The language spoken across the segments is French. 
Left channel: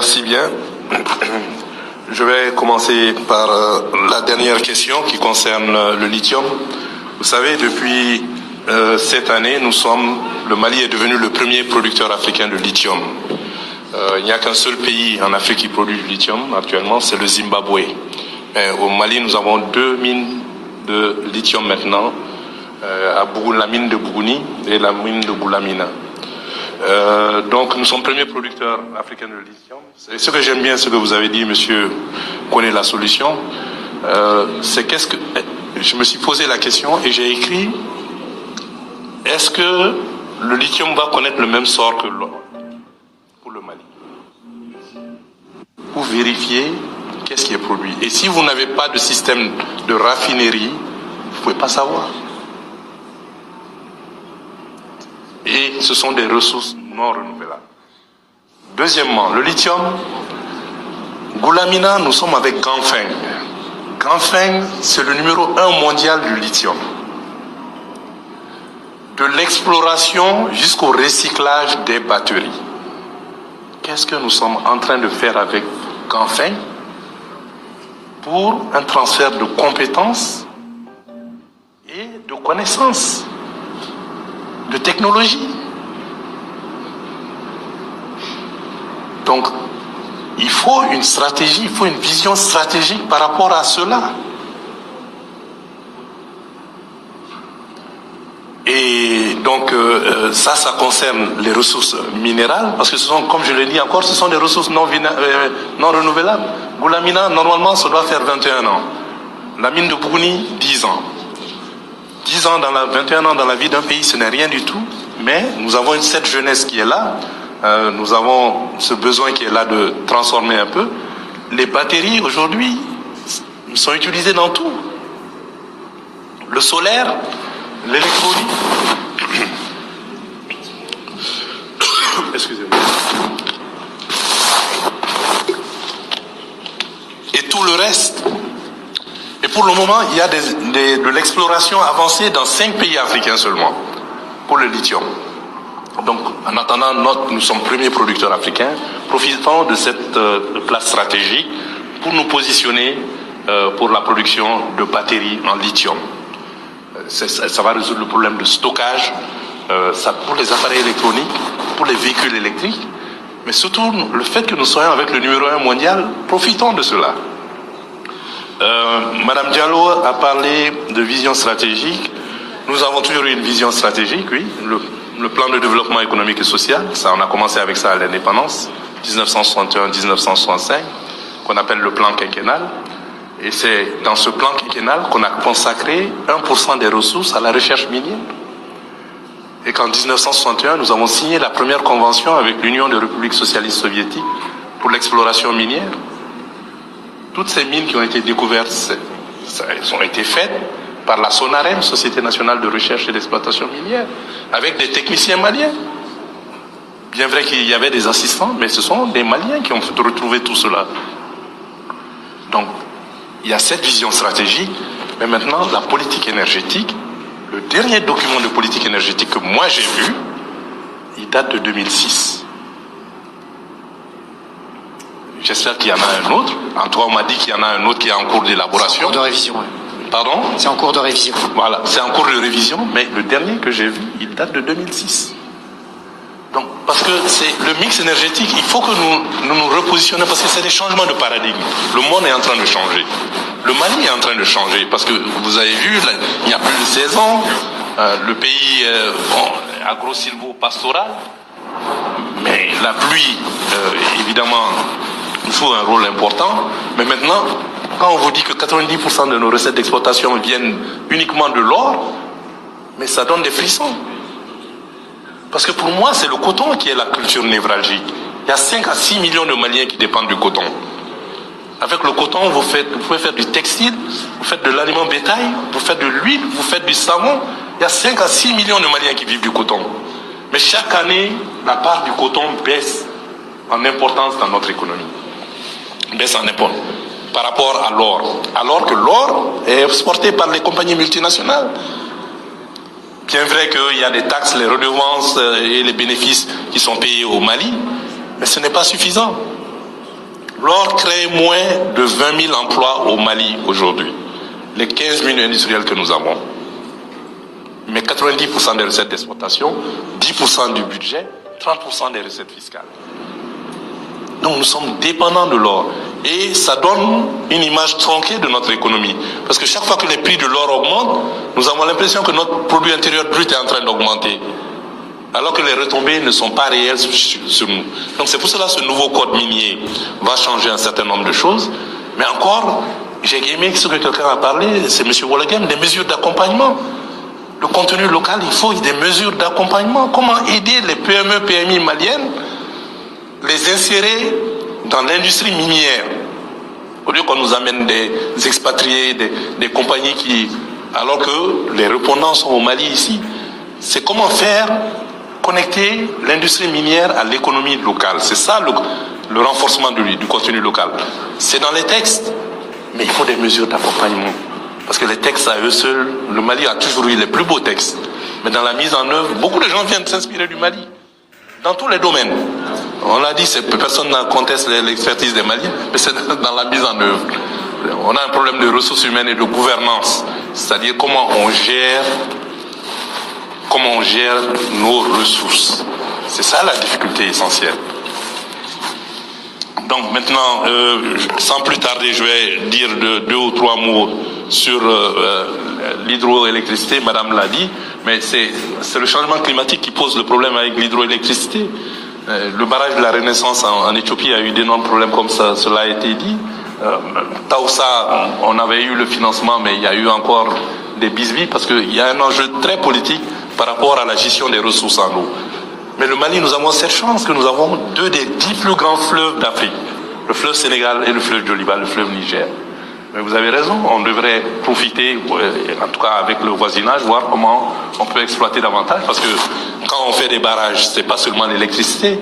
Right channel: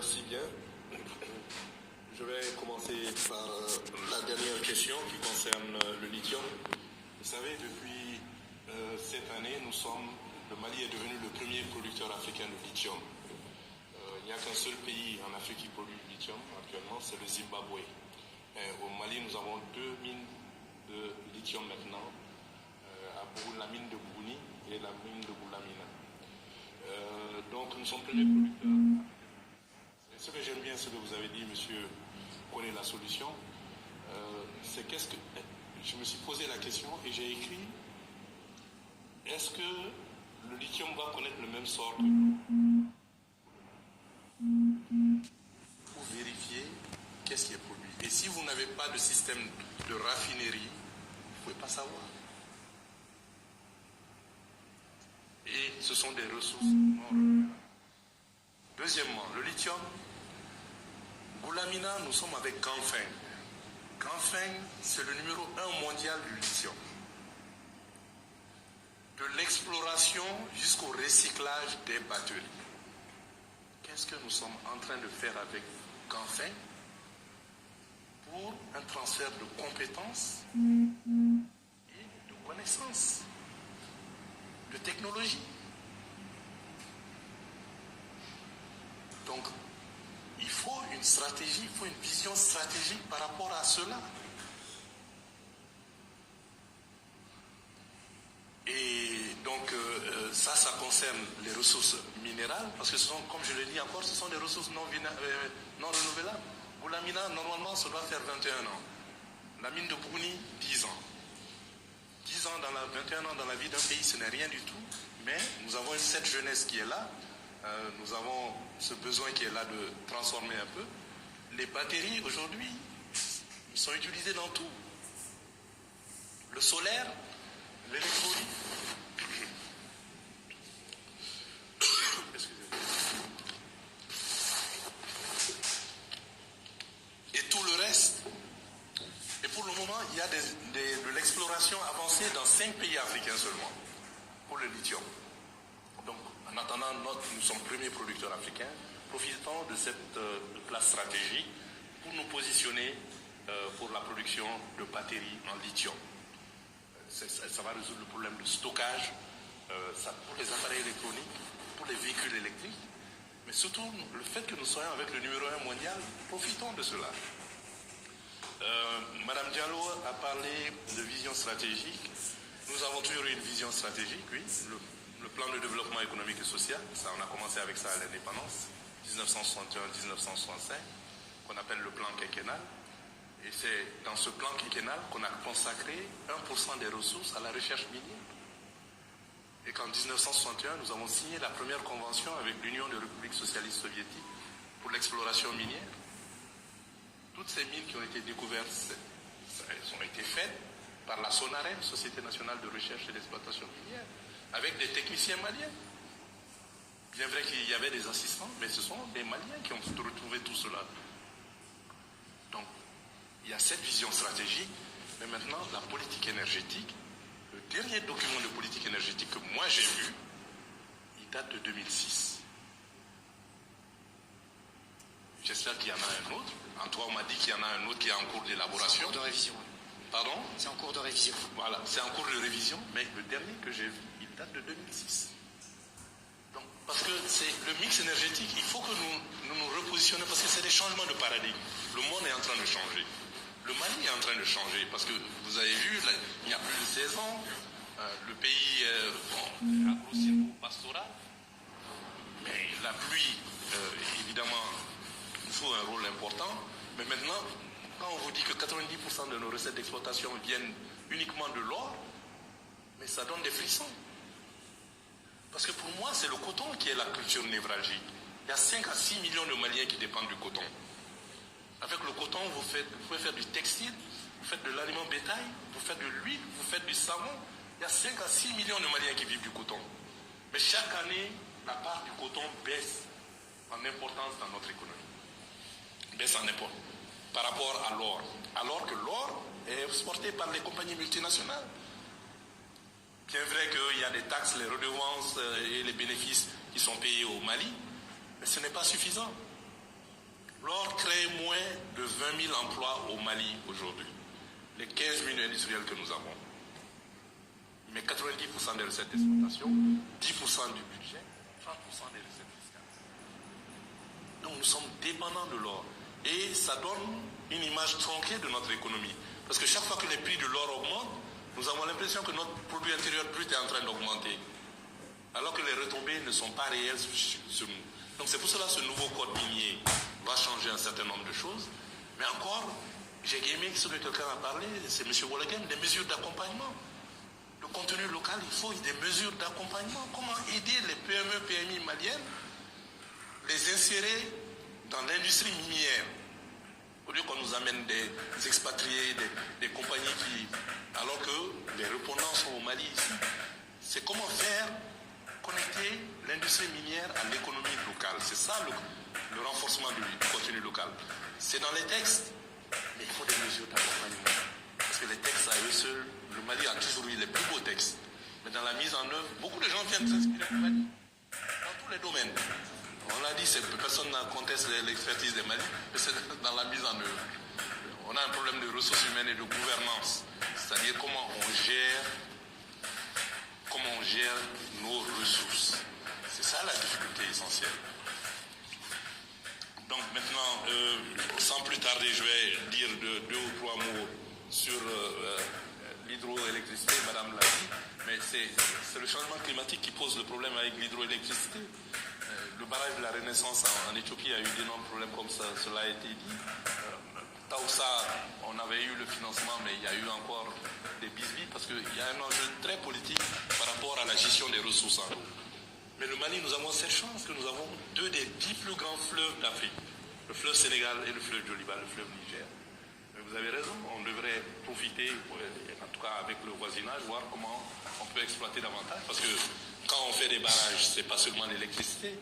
Merci bien. Je vais commencer par la dernière question qui concerne le lithium. Vous savez, depuis cette année, le Mali est devenu le premier producteur africain de lithium. Il n'y a qu'un seul pays en Afrique qui produit du lithium actuellement, c'est le Zimbabwe. Mais au Mali, nous avons 2 mines de lithium maintenant, la mine de Bougouni et la mine de Goulamina. Donc nous sommes premiers producteurs africains de lithium. Et ce que j'aime bien, ce que vous avez dit, monsieur connaît la solution, c'est je me suis posé la question et j'ai écrit, est-ce que le lithium va connaître le même sort que l'or pour le Mali? Pour vérifier qu'est-ce qui est produit. Et si vous n'avez pas de système de raffinerie, vous ne pouvez pas savoir. Et ce sont des ressources non renouvelables. Deuxièmement, le lithium, Goulamina, nous sommes avec Ganfeng. Ganfeng, c'est le numéro 1 mondial du lithium. De l'exploration jusqu'au recyclage des batteries. Qu'est-ce que nous sommes en train de faire avec Ganfeng pour un transfert de compétences et de connaissances, de technologie? Donc, il faut une stratégie, il faut une vision stratégique par rapport à cela. Et donc, ça concerne les ressources minérales, parce que ce sont, comme je l'ai dit encore, ce sont des ressources non renouvelables. Goulamina, normalement, ça doit faire 21 ans. La mine de Bougouni, 10 ans. 21 ans dans la vie d'un pays, ce n'est rien du tout, mais nous avons cette jeunesse qui est là, nous avons ce besoin qui est là de transformer un peu. Les batteries, aujourd'hui, sont utilisées dans tout. Le solaire, l'électronique. Excusez-moi. Et tout le reste. Et pour le moment, il y a de l'exploration avancée dans 5 pays africains seulement pour le lithium. Donc, en attendant, nous sommes premiers producteurs africains, profitons de cette place stratégique pour nous positionner pour la production de batteries en lithium. Ça va résoudre le problème de stockage, pour les appareils électroniques, pour les véhicules électriques, mais surtout le fait que nous soyons avec le numéro 1 mondial, profitons de cela. Madame Diallo a parlé de vision stratégique. Nous avons toujours eu une vision stratégique, oui. Le plan de développement économique et social, on a commencé avec ça à l'indépendance, 1961-1965, qu'on appelle le plan quinquennal. Et c'est dans ce plan quinquennal qu'on a consacré 1% des ressources à la recherche minière. Et qu'en 1961, nous avons signé la première convention avec l'Union des républiques socialistes soviétiques pour l'exploration minière. Toutes ces mines qui ont été découvertes, elles ont été faites par la SONAREM, Société nationale de recherche et d'exploitation minière, avec des techniciens maliens. Bien vrai qu'il y avait des assistants, mais ce sont des Maliens qui ont retrouvé tout cela. Donc, il y a cette vision stratégique, mais maintenant, la politique énergétique, le dernier document de politique énergétique que moi j'ai vu, il date de 2006. J'espère qu'il y en a un autre. En tout cas, on m'a dit qu'il y en a un autre qui est en cours d'élaboration. C'est en cours de révision, oui. Pardon? C'est en cours de révision. Voilà, c'est en cours de révision, mais le dernier que j'ai vu, il date de 2006. Donc, parce que c'est le mix énergétique, il faut que nous repositionnions, parce que c'est des changements de paradigme. Le monde est en train de changer. Le Mali est en train de changer, parce que vous avez vu, là, il y a plus de 16 ans, le pays agro-silvo-pastoral, mais la pluie, évidemment, il faut un rôle important, mais maintenant, quand on vous dit que 90% de nos recettes d'exploitation viennent uniquement de l'or, mais ça donne des frissons. Parce que pour moi, c'est le coton qui est la culture névralgique. Il y a 5 à 6 millions de Maliens qui dépendent du coton. Avec le coton, vous pouvez faire du textile, vous faites de l'aliment bétail, vous faites de l'huile, vous faites du savon. Il y a 5 à 6 millions de Maliens qui vivent du coton. Mais chaque année, la part du coton baisse en importance dans notre économie. Baisse en importance par rapport à l'or. Alors que l'or est exporté par les compagnies multinationales. Bien vrai qu'il y a des taxes, les redevances et les bénéfices qui sont payés au Mali, mais ce n'est pas suffisant. L'or crée moins de 20 000 emplois au Mali aujourd'hui. Les 15 000 industriels que nous avons. Mais 90% des recettes d'exploitation, 10% du budget, 30% des recettes fiscales. Donc nous sommes dépendants de l'or. Et ça donne une image tronquée de notre économie. Parce que chaque fois que les prix de l'or augmentent, nous avons l'impression que notre produit intérieur brut est en train d'augmenter. Alors que les retombées ne sont pas réelles sur nous. Donc c'est pour cela que ce nouveau code minier va changer un certain nombre de choses. Mais encore, j'ai aimé ce que quelqu'un a parlé, c'est M. Wollegem, des mesures d'accompagnement. Le contenu local, il faut des mesures d'accompagnement. Comment aider les PME, PMI maliennes, les insérer dans l'industrie minière. Au lieu qu'on nous amène des expatriés, des compagnies qui... Alors que les répondants sont au Mali ici. C'est comment faire connecter l'industrie minière à l'économie locale. C'est ça le renforcement du contenu local. C'est dans les textes, mais il faut des mesures d'accompagnement. Parce que les textes à eux seuls, le Mali a toujours eu les plus beaux textes. Mais dans la mise en œuvre, beaucoup de gens viennent s'inspirer du Mali. Dans tous les domaines. On l'a dit, personne ne conteste l'expertise des Maliens, mais c'est dans la mise en œuvre. On a un problème de ressources humaines et de gouvernance. C'est-à-dire comment on gère nos ressources. C'est ça la difficulté essentielle. Donc maintenant, sans plus tarder, je vais dire deux ou trois mots sur l'hydroélectricité. Madame l'a dit, mais c'est le changement climatique qui pose le problème avec l'hydroélectricité. Le barrage de la Renaissance en Éthiopie a eu d'énormes problèmes comme ça, cela a été dit. Taoussa, on avait eu le financement, mais il y a eu encore des bisbis parce qu'il y a un enjeu très politique par rapport à la gestion des ressources en eau. Mais le Mali, nous avons cette chance que nous avons deux des 10 plus grands fleuves d'Afrique. Le fleuve Sénégal et le fleuve Djoliba, le fleuve Niger. Mais vous avez raison, on devrait profiter, en tout cas avec le voisinage, voir comment on peut exploiter davantage. Parce que quand on fait des barrages, c'est pas seulement l'électricité,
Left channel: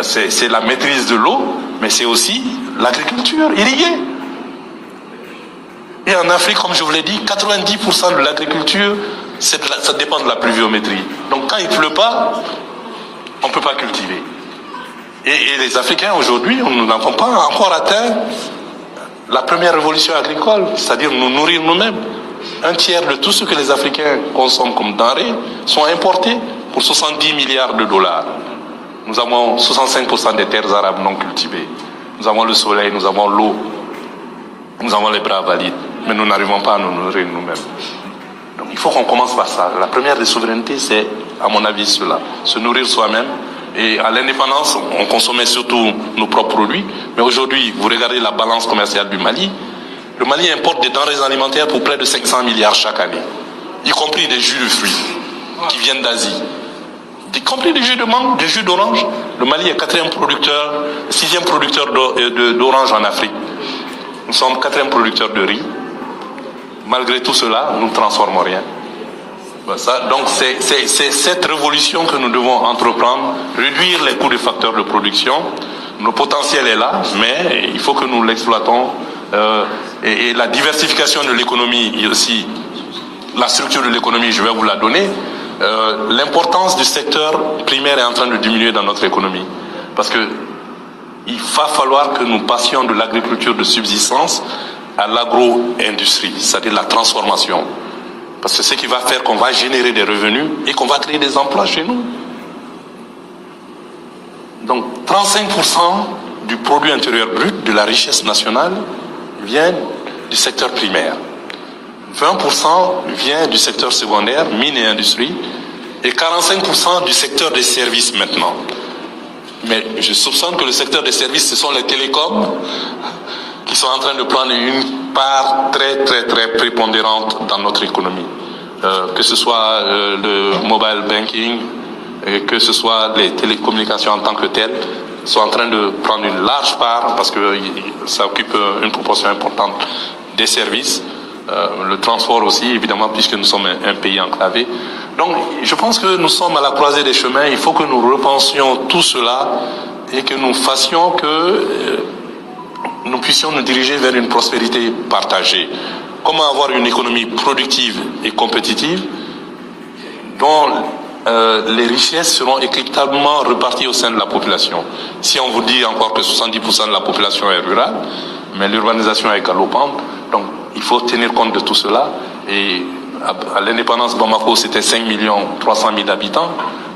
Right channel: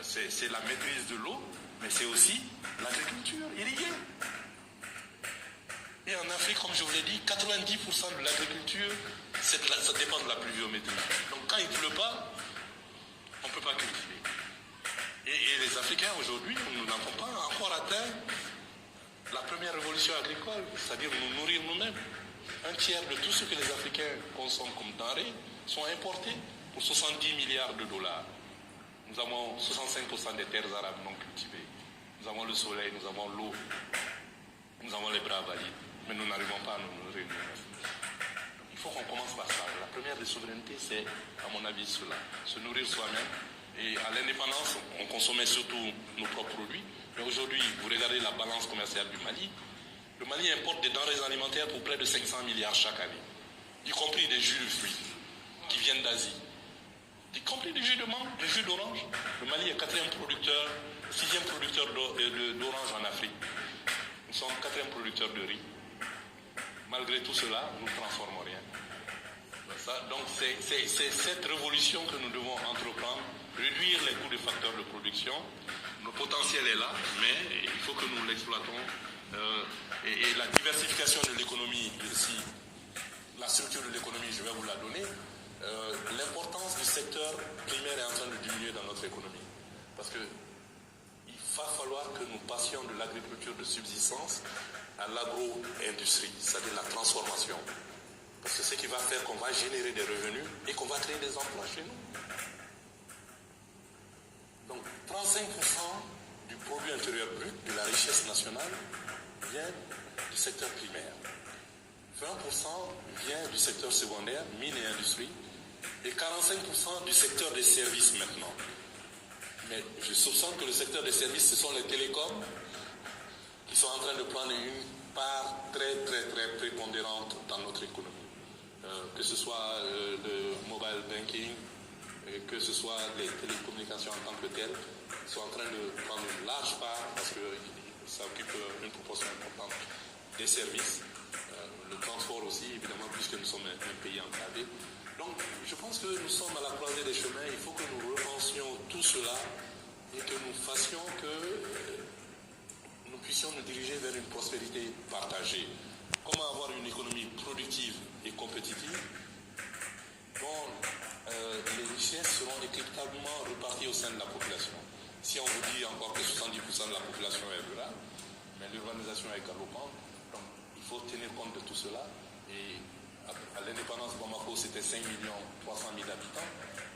c'est la maîtrise de l'eau, mais c'est aussi l'agriculture irriguée. Et en Afrique, comme je vous l'ai dit, 90% de l'agriculture, ça dépend de la pluviométrie. Donc quand il ne pleut pas, on ne peut pas cultiver. Et les Africains aujourd'hui, nous n'avons pas encore atteint la première révolution agricole, c'est-à-dire nous nourrir nous-mêmes. Un tiers de tout ce que les Africains consomment comme denrées sont importés pour 70 milliards de dollars. Nous avons 65% des terres arabes non cultivées. Nous avons le soleil, nous avons l'eau, nous avons les bras valides, mais nous n'arrivons pas à nous nourrir nous-mêmes. Donc il faut qu'on commence par ça. La première des souverainetés, c'est, à mon avis, cela, se nourrir soi-même. Et à l'indépendance, on consommait surtout nos propres produits. Mais aujourd'hui, vous regardez la balance commerciale du Mali. Le Mali importe des denrées alimentaires pour près de 500 milliards chaque année, y compris des jus de fruits qui viennent d'Asie, y compris des jus de mangue, des jus d'orange. Le Mali est sixième producteur d'orange en Afrique. Nous sommes 4e producteur de riz. Malgré tout cela, nous ne transformons rien. Donc c'est cette révolution que nous devons entreprendre, réduire les coûts des facteurs de production. Le potentiel est là, mais il faut que nous l'exploitons. Et la diversification de l'économie aussi, la structure de l'économie, je vais vous la donner. L'importance du secteur primaire est en train de diminuer dans notre économie. Parce que il va falloir que nous passions de l'agriculture de subsistance à l'agro-industrie, c'est-à-dire la transformation. Parce que c'est ce qui va faire qu'on va générer des revenus et qu'on va créer des emplois chez nous. Donc 35% du produit intérieur brut, de la richesse nationale, vient du secteur primaire. 20% vient du secteur secondaire, mines et industrie, et 45% du secteur des services maintenant. Mais je soupçonne que le secteur des services, ce sont les télécoms qui sont en train de prendre une part très prépondérante dans notre économie. Que ce soit le mobile banking, que ce soit les télécommunications en tant que telles, sont en train de prendre une large part parce que ça occupe une proportion importante des services. Le transport aussi, évidemment, puisque nous sommes un pays enclavé. Donc, je pense que nous sommes à la croisée des chemins. Il faut que nous repensions tout cela et que nous fassions que nous puissions nous diriger vers une prospérité partagée. Comment avoir une économie productive et compétitive dont les richesses seront équitablement reparties au sein de la population. Si on vous dit encore que 70% de la population est rurale, mais l'urbanisation est galopante, donc il faut tenir compte de tout cela. Et à l'indépendance, Bamako, c'était 5 300 000 habitants.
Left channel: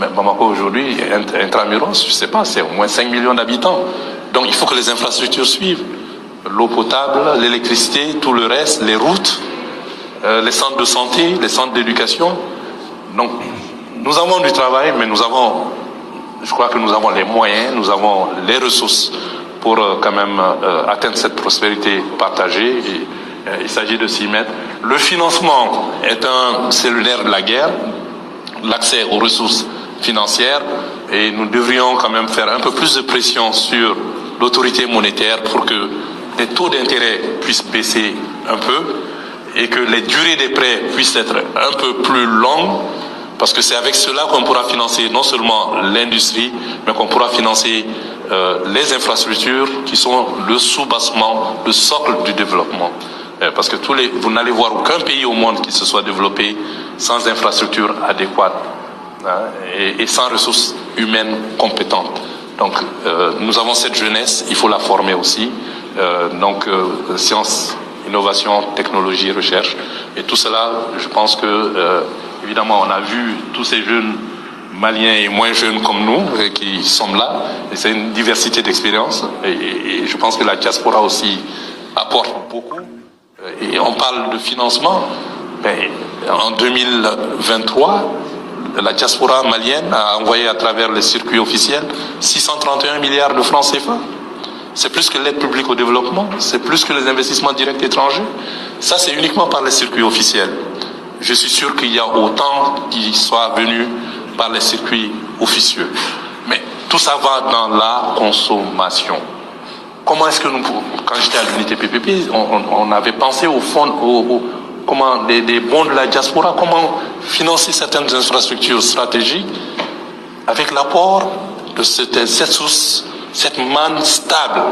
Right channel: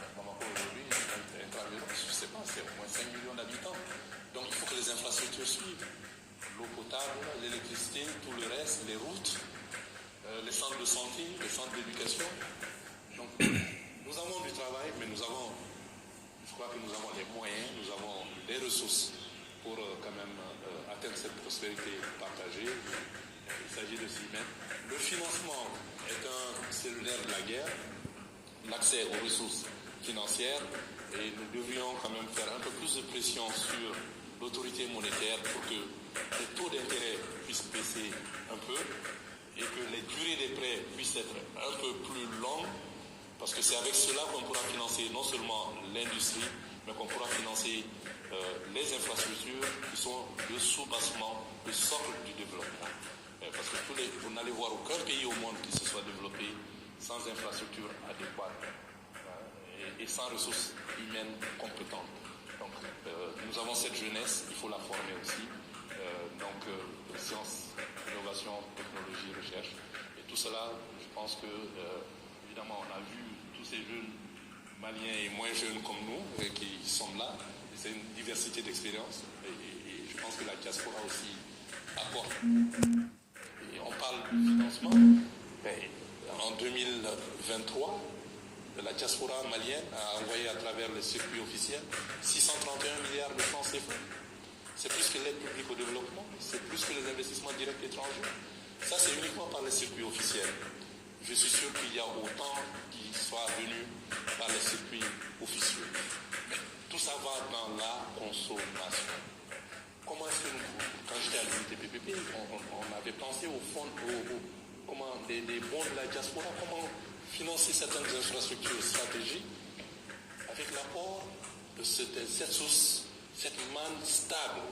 Mais Bamako, aujourd'hui, intramuros, je ne sais pas, c'est au moins 5 millions d'habitants. Donc il faut que les infrastructures suivent. L'eau potable, l'électricité, tout le reste, les routes, les centres de santé, les centres d'éducation. Donc, nous avons du travail, mais je crois que nous avons les moyens, nous avons les ressources pour quand même atteindre cette prospérité partagée. Et, il s'agit de s'y mettre. Le financement est un cellulaire de la guerre, l'accès aux ressources financières, et nous devrions quand même faire un peu plus de pression sur l'autorité monétaire pour que les taux d'intérêt puissent baisser un peu et que les durées des prêts puissent être un peu plus longues, parce que c'est avec cela qu'on pourra financer non seulement l'industrie, mais qu'on pourra financer les infrastructures qui sont le sous-bassement, le socle du développement. Parce que vous n'allez voir aucun pays au monde qui se soit développé sans infrastructures adéquates, hein, et sans ressources humaines compétentes. Donc nous avons cette jeunesse, il faut la former aussi. Sciences, innovation, technologie, recherche. Et tout cela, je pense que, évidemment, on a vu tous ces jeunes Maliens et moins jeunes comme nous qui sont là. Et c'est une diversité d'expériences. Et je pense que la diaspora aussi apporte beaucoup. Et on parle de financement. Mais en 2023, la diaspora malienne a envoyé à travers les circuits officiels 631 milliards de francs CFA. C'est plus que l'aide publique au développement, c'est plus que les investissements directs étrangers. Ça, c'est uniquement par les circuits officiels. Je suis sûr qu'il y a autant qui soient venus par les circuits officieux. Mais tout ça va dans la consommation. Comment est-ce que nous, quand j'étais à l'unité PPP, on avait pensé au fond, des bons de la diaspora, comment financer certaines infrastructures stratégiques avec l'apport de cette source, cette manne stable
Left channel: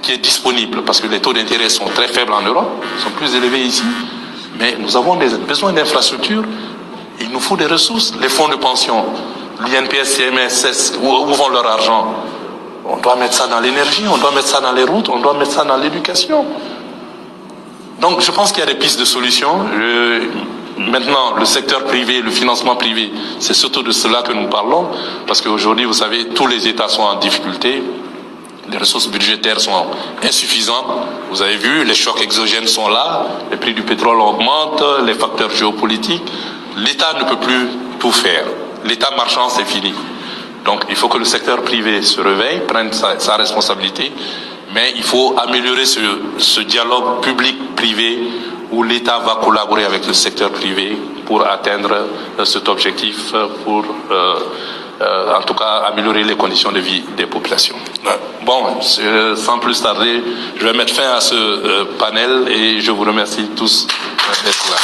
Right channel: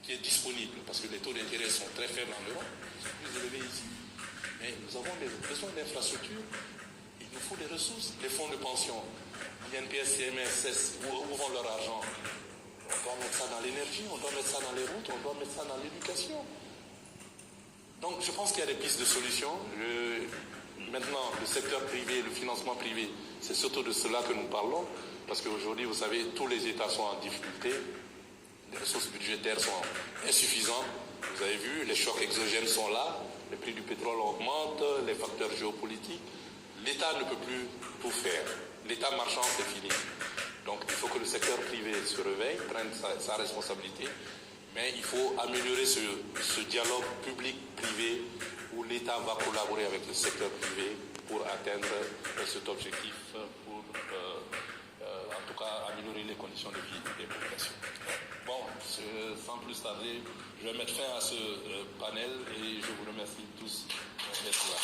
qui est disponible, parce que les taux d'intérêt sont très faibles en Europe, sont plus élevés ici, mais nous avons besoin d'infrastructures, il nous faut des ressources, les fonds de pension, l'INPS, CMS, où vont leur argent? On doit mettre ça dans l'énergie, on doit mettre ça dans les routes, on doit mettre ça dans l'éducation. Donc je pense qu'il y a des pistes de solutions. Maintenant, le secteur privé, le financement privé, c'est surtout de cela que nous parlons, parce qu'aujourd'hui, vous savez, tous les États sont en difficulté, les ressources budgétaires sont insuffisantes. Vous avez vu, les chocs exogènes sont là, les prix du pétrole augmentent, les facteurs géopolitiques. L'État ne peut plus tout faire. L'État marchand, c'est fini. Donc il faut que le secteur privé se réveille, prenne sa responsabilité, mais il faut améliorer ce dialogue public-privé où l'État va collaborer avec le secteur privé pour atteindre cet objectif, pour en tout cas améliorer les conditions de vie des populations. Bon, sans plus tarder, je vais mettre fin à ce panel et je vous remercie tous d'être là.